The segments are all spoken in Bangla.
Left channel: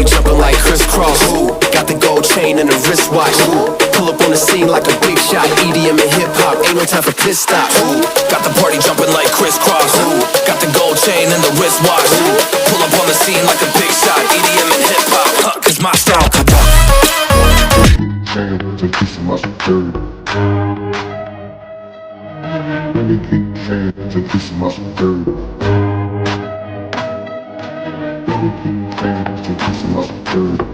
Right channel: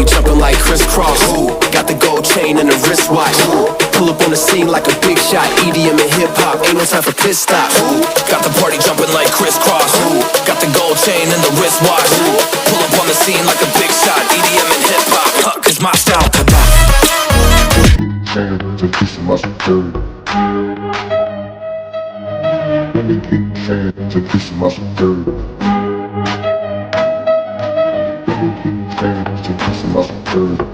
party jumping like crisscross. Ooh, got the gold chain and the wristwatch. Ooh, pull up on the scene like a big shot. EDM and hip hop, ain't no time for pit stops. Ooh, got the party jumping like crisscross. Ooh, got the gold chain and the wristwatch. Ooh, pull up on the scene like a big shot. EDM and hip hop, cause my style. Hands and kiss my security. Let me get hands and kiss my security. Let me get hands and kiss my security.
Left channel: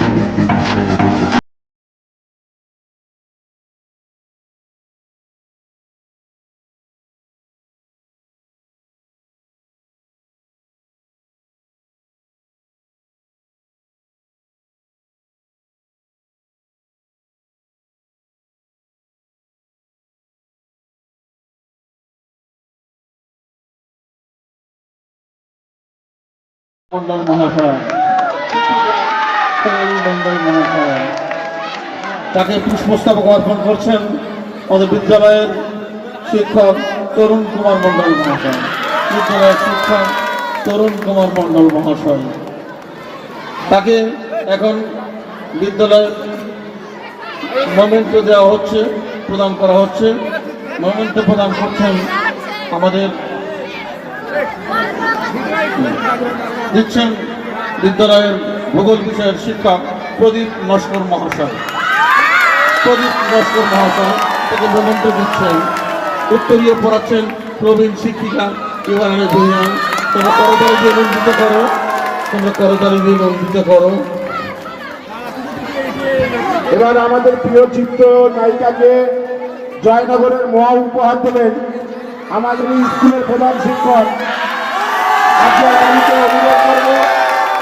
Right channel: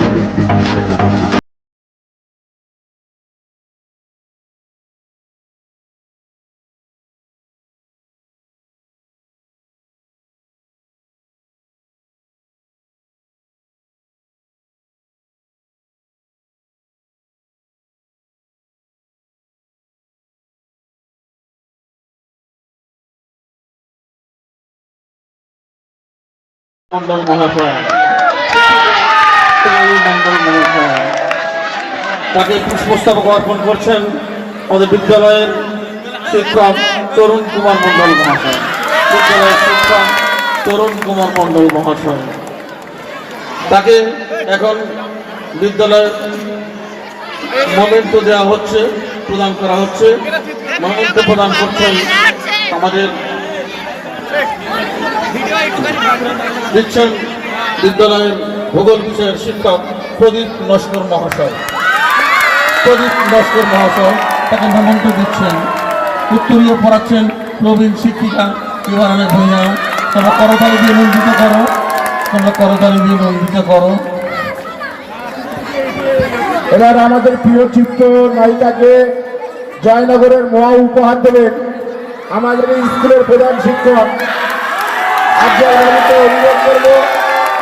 Let me get hands and Mondal মহাশয়, মন্ডল মহাশয় তাকে পুষ্পস্তবক অর্পণ করছেন আমাদের বিদ্যালয়ের শিক্ষক তরুণ কুমার মন্ডল মহাশয়। বিদ্যালয়ের শিক্ষক তরুণ কুমার মন্ডল মহাশয় তাকে এখন বিদ্যালয়ের মোমেন্টো দেওয়া হচ্ছে, প্রদান করা হচ্ছে। মোমেন্টো প্রদান করছেন আমাদের দিচ্ছেন বিদ্যালয়ের ভূগোল বিষয়ের শিক্ষক প্রদীপ নস্কর মহাশয়। প্রদীপ নস্কর মহাশয় তাকে মোমেন্টো দিচ্ছেন। উত্তরীয় পড়াচ্ছেন নবীন শিক্ষিকা ইউআরএ ভূঁইয়া। তোমরা করতালি দিয়ে নন্দিত করো, তোমরা করতালি দিয়ে নন্দিত করো। এবার আমাদের প্রিয় চিত্র নায়িকাকে জয়নগরের মহা উপহার দেবেন আমাদের স্কুলের প্রধান শিক্ষক। আপনার বাড়িতে অভিযোগ করব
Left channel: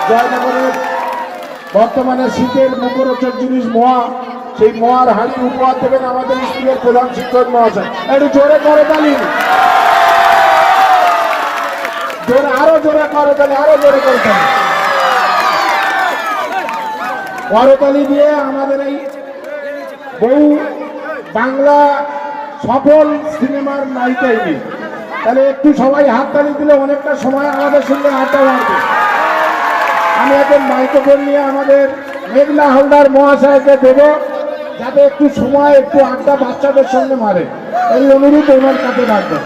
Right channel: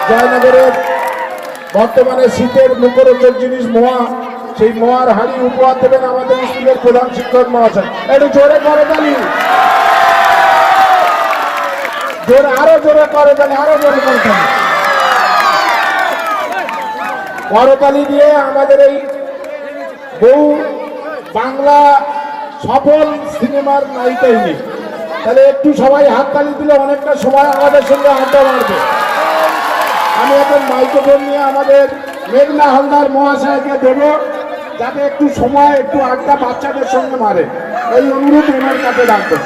জয়নগরের বর্তমানে শীতের মুখরোচক জিনিস মোয়া, সেই মোয়ার হাড়ি উপহার দেবেন আমাদের স্কুলের প্রধান শিক্ষক মহাশয়। একটু জোরে করে তালি, আরো জোরে করে তালি, আরো জোরে করে তালি। করতালি দিয়ে আমাদের এই বহু বাংলা সফল সিনেমার নায়িকা ইনি। তাহলে একটু সবাই হাততালি দিলে অনেকটা সময় আমাদের সঙ্গে আড্ডা মারবে। আমি এখন মাইক্রোফোন নিয়ে আমাদের মেঘনা হালদার মহাশয়কে দেব, যাতে একটু সময় একটু আড্ডা বাচ্চাদের সঙ্গে মারে, এই অনুরোধ ওনার কাছে রাখবে।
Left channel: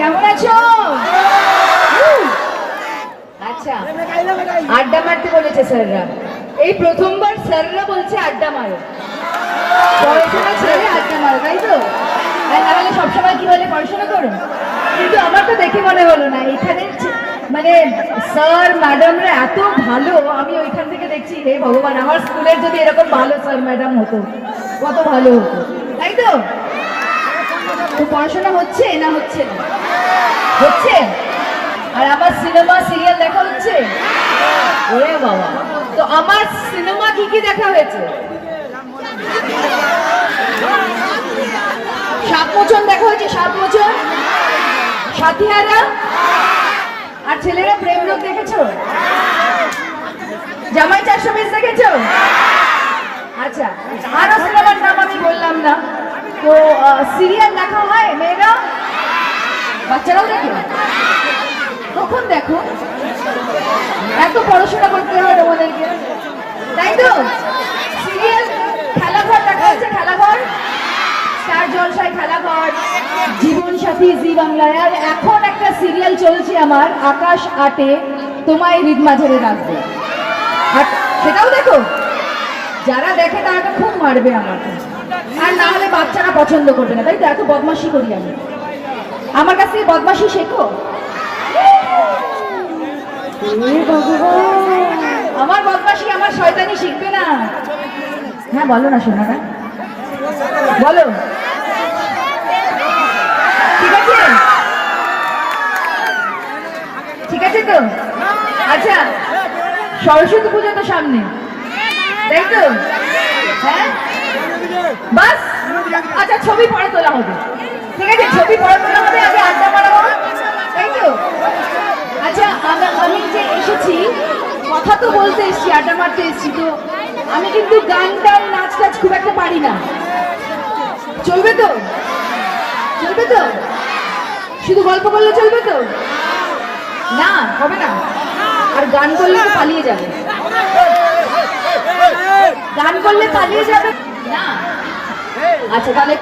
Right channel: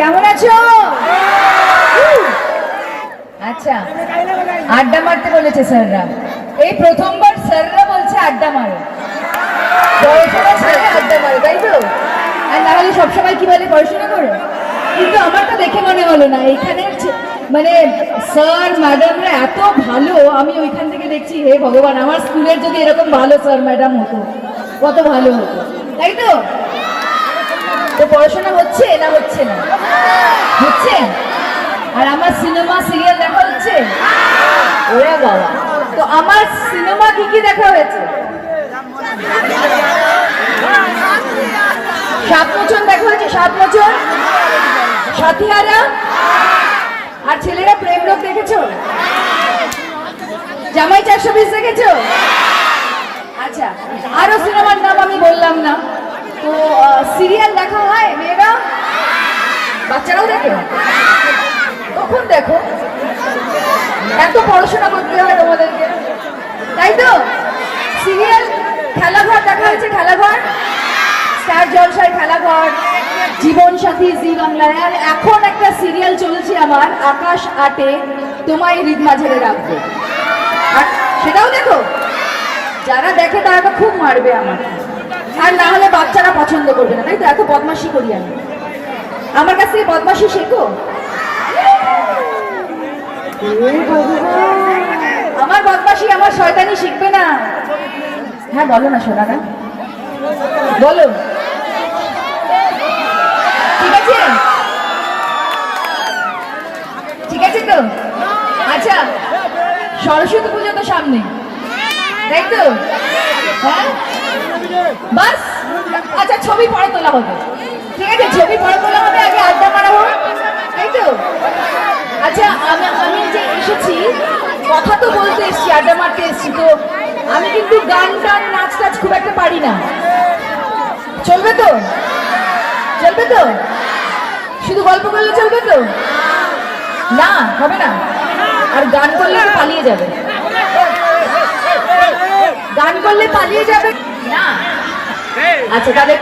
কেমন আছো? আচ্ছা, আড্ডা মারতে বলেছে স্যাররা। এই প্রথমবার স্যাররা বলছে আড্ডা মারো, পড়াশোনা ছেড়ে আড্ডা মারো, তাই তো? আর না হলে সবসময় কি বলে পড়াশোনা করো। কিন্তু আমার তো দেখে মনে হলো না এইখানে মানে স্যার ম্যাডামরা এত ভালো। আমি ওইখান থেকে দেখছি হে ভগবান, আমার স্কুলের যদি এরকম ভালো স্যার ম্যাডাম হতো কত ভালো হতো, তাই তো? তো পড়াশোনা হচ্ছে না হচ্ছে না? হচ্ছে। আর আমার সিনেমা সিরিয়াল দেখা হচ্ছে? ওরে বাবা, তো আমার সিনেমা কি কি দেখা হয়েছে? 7 মোচন দেখা হয়েছে, 7 মোচন, সাথীহারা। আর ছেলেরা প্রেম রোগ দেখেছো? জামাই 420 দেখেছো? আচ্ছা, আরো সিনেমার নাম আমি বললাম না। তো সিরিয়াল দেখা হয় মেয়েরা, বাচ্চারাও দেখে? কখন দেখো? এত পড়াশোনা করতে হয় তোমাদেরকে, তাই তো? সিরিয়াল, খেলাঘর দেখা হয়েছে? খেলাঘর, স্টার জলসায় খেলাঘর, জীবন সাথী জি বাংলায়। আর এখন একটা সিরিয়াল চলছে আমার, আকাশ 8-এ তোমায় হৃদ মাঝারে রাখবো। আর সেটাও দেখো? যারা দেখে তারা তো খুব মারবে আমার, আর না হলে বাচ্চারা পছন্দ করবে না, তাই তো? এত বদমাশি করি আমি, আমার কাছ থেকে বদমাশি শেখো। আমার বদমাশি, আমার শয়তানি শিখবে না। হ্যাঁ বলো না শোনা, না বলো, ঠিক আছে? ঠিক আছে তো? আচ্ছা, সরস্বতী পুজো তো সামনে, তাই তো? হ্যাঁ বাস, আচ্ছা ছবি পরে তোলা হবে, ঠিক আছে? ছবি পরে তোলা হবে, আগে আড্ডা মারাবো, তাই তো? আচ্ছা, আমি যে এসেছি, কথা তো বলতে এসছি, আড্ডা মারতে এসছি, তো আমি কিন্তু গান টান নাচ টাচ খুব একটা পারি না। চলবে তো? চলবে তো? শুধু গল্প করলে চলবে তো? না হবে না, আর গান করলে তো পালিয়ে যাবে, গান করলে পালিয়ে যাবে না। আচ্ছা তাহলে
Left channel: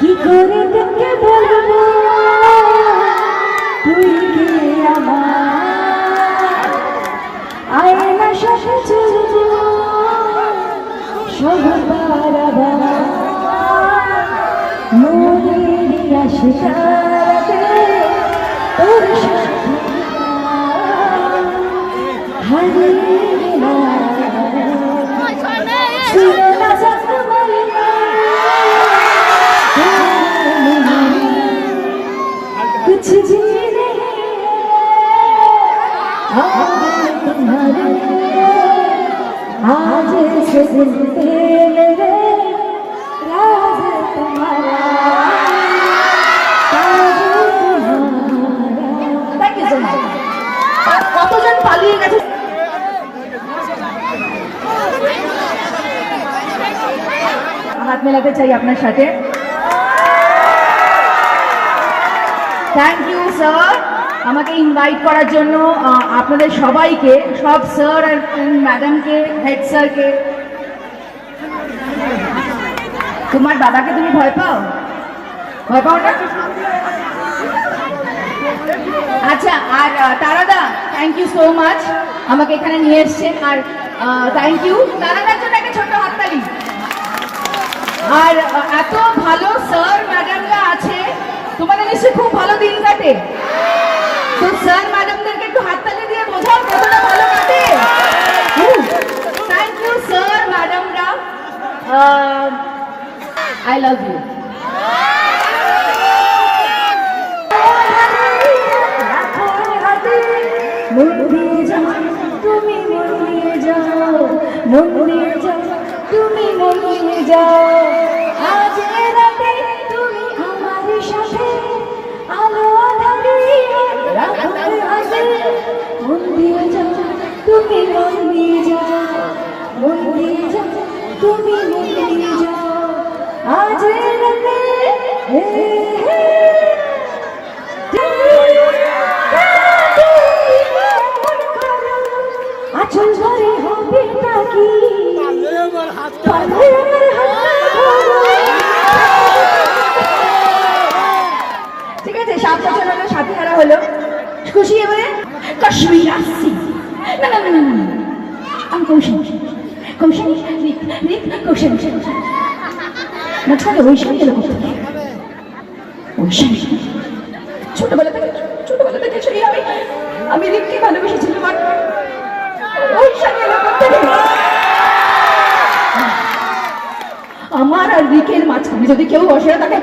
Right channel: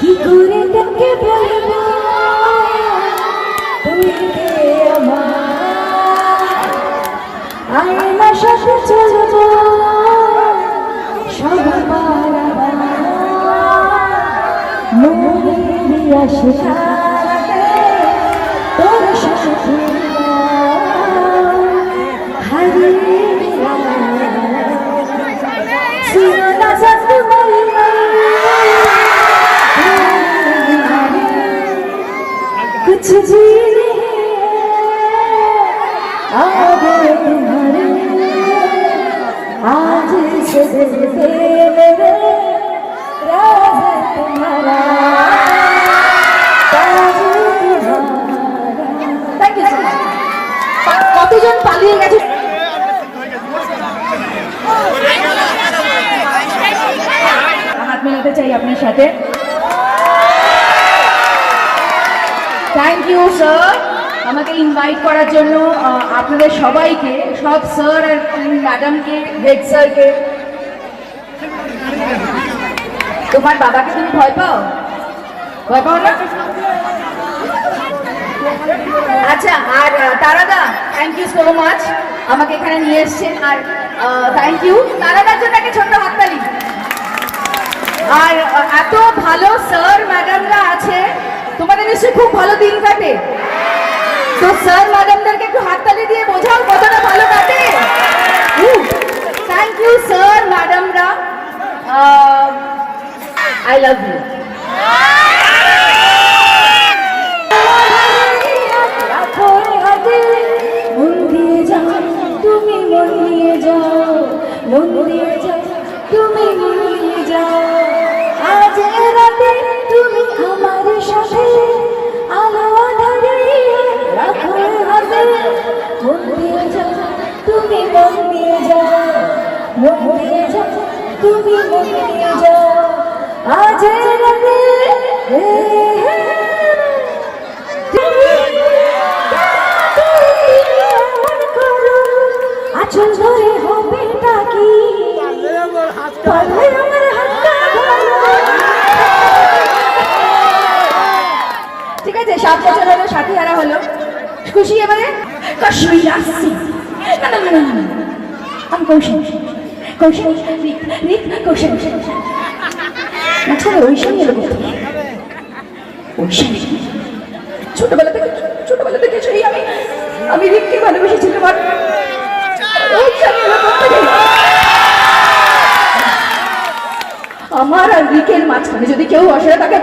কি করে তোকে বলবো তুই কে আমার, আয়নার সাথে চলবো সবার আবার, মনের আশাতে তোর সাথে হারিয়ে ছিল না যাতে कुछ जी नहीं आगे तुम्हारे आज से दिल में राज तुम्हारा ताज तुम्हारा। Thank you so much. কতজন পালিয়ে গেছে? হাত মেলাতে চাই আপনার সাথে। থ্যাংক ইউ স্যার আমাকে ইনভাইট করার জন্য, আপনাদের সবাইকে, সব স্যার আর ম্যাডামকে, হেড স্যারকে। তোমার বাবাকে তুমি ভয় পাও? ভয় পাও না? আচ্ছা, আর তারাদা থ্যাংক ইউ সো মাচ আমাকে এখানে নিয়ে এসছেন, আর থ্যাংক ইউ তারাদার জন্য একটা ছোট্ট হাততালি। আর এত ভালো স্যার ম্যাডামরা আছে, তোমাদের নিশ্চয়ই খুব ভালো দিন কাটে, তো স্যার ম্যাডামদেরকে একটু হাততালি দিয়ে বোঝাও কতটা ভালো কাটে। থ্যাংক ইউ স্যার ম্যাডামরা, আই লাভ ইউ। মন দিয়ে যাও তুমি, মন দিয়ে যাও, মন দিয়ে যাও তুমি, মন দিয়ে যাও, আজ রাতে তুমি আমার সাথে আলো আধারে রাখো হাতে, মন দিয়ে যাও তুমি, মন দিয়ে যাও, মন দিয়ে যাও তুমি, মন দিয়ে যাও, আজ রাতে আচল ধরে হবে নাকি ঠিক আছে, 7 বছর আগে সাথী হারা হলো, খুশি এবারে? কাশ্মীর আসছি না না না না না, আমি কৌশল কৌশল কৌশল মাঝখানে ঐশানী এলো কোথায়? ঐশানী ছোটবেলা থেকে সেই আমি রিককে ভালোবেসেছিলাম, আর ঐশানী এলো কোথায়? আমার আর রিকের মাঝখানে যদি কেউ বসে তাকে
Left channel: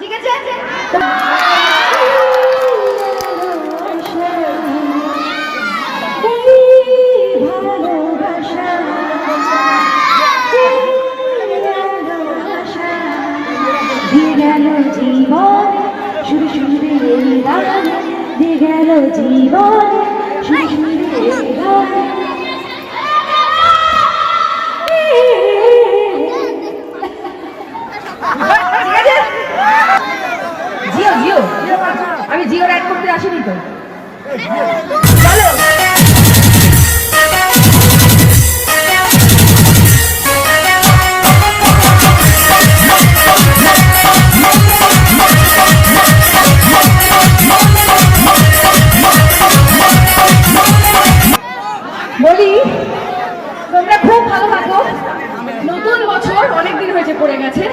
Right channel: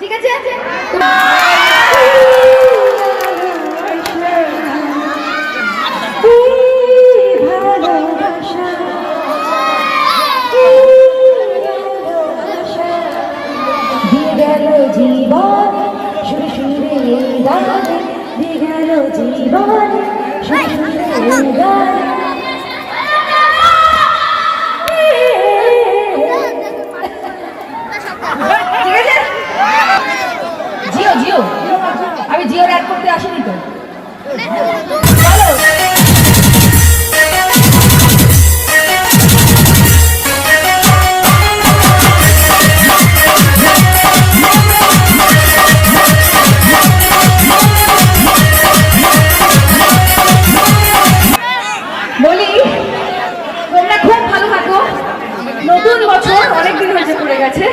ঠিক আছে। জীবন সুরে সুরে গানে গেল জীবন সুরে সুরে গানে। জিও জিও আমি জিওর অ্যাড করতে আসিনি তো। বলি তোমরা খুব ভালো থাকো, নতুন বছর অনেকদিন হয়েছে পড়ে গেছে,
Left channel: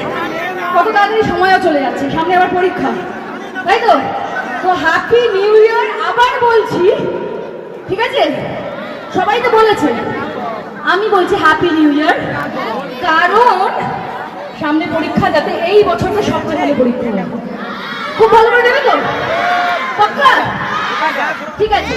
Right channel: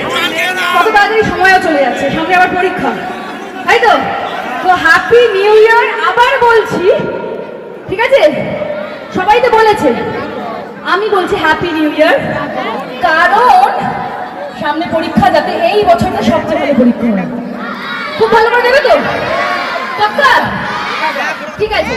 কত তাড়াতাড়ি সময়ও চলে যাচ্ছে, সামনে আবার পরীক্ষা, তাই তো? তো হ্যাপি নিউ ইয়ার আবার বলছি, ঠিক আছে? সবাই তো বলেছে, আমি বলছি হ্যাপি নিউ ইয়ার, কারণ সামনে পরীক্ষা, যাতে এই বছরটা সবচেয়ে ভালো পরীক্ষা হয়। খুব ভালো করে দেবে তো? পাক্কা? ঠিক আছে।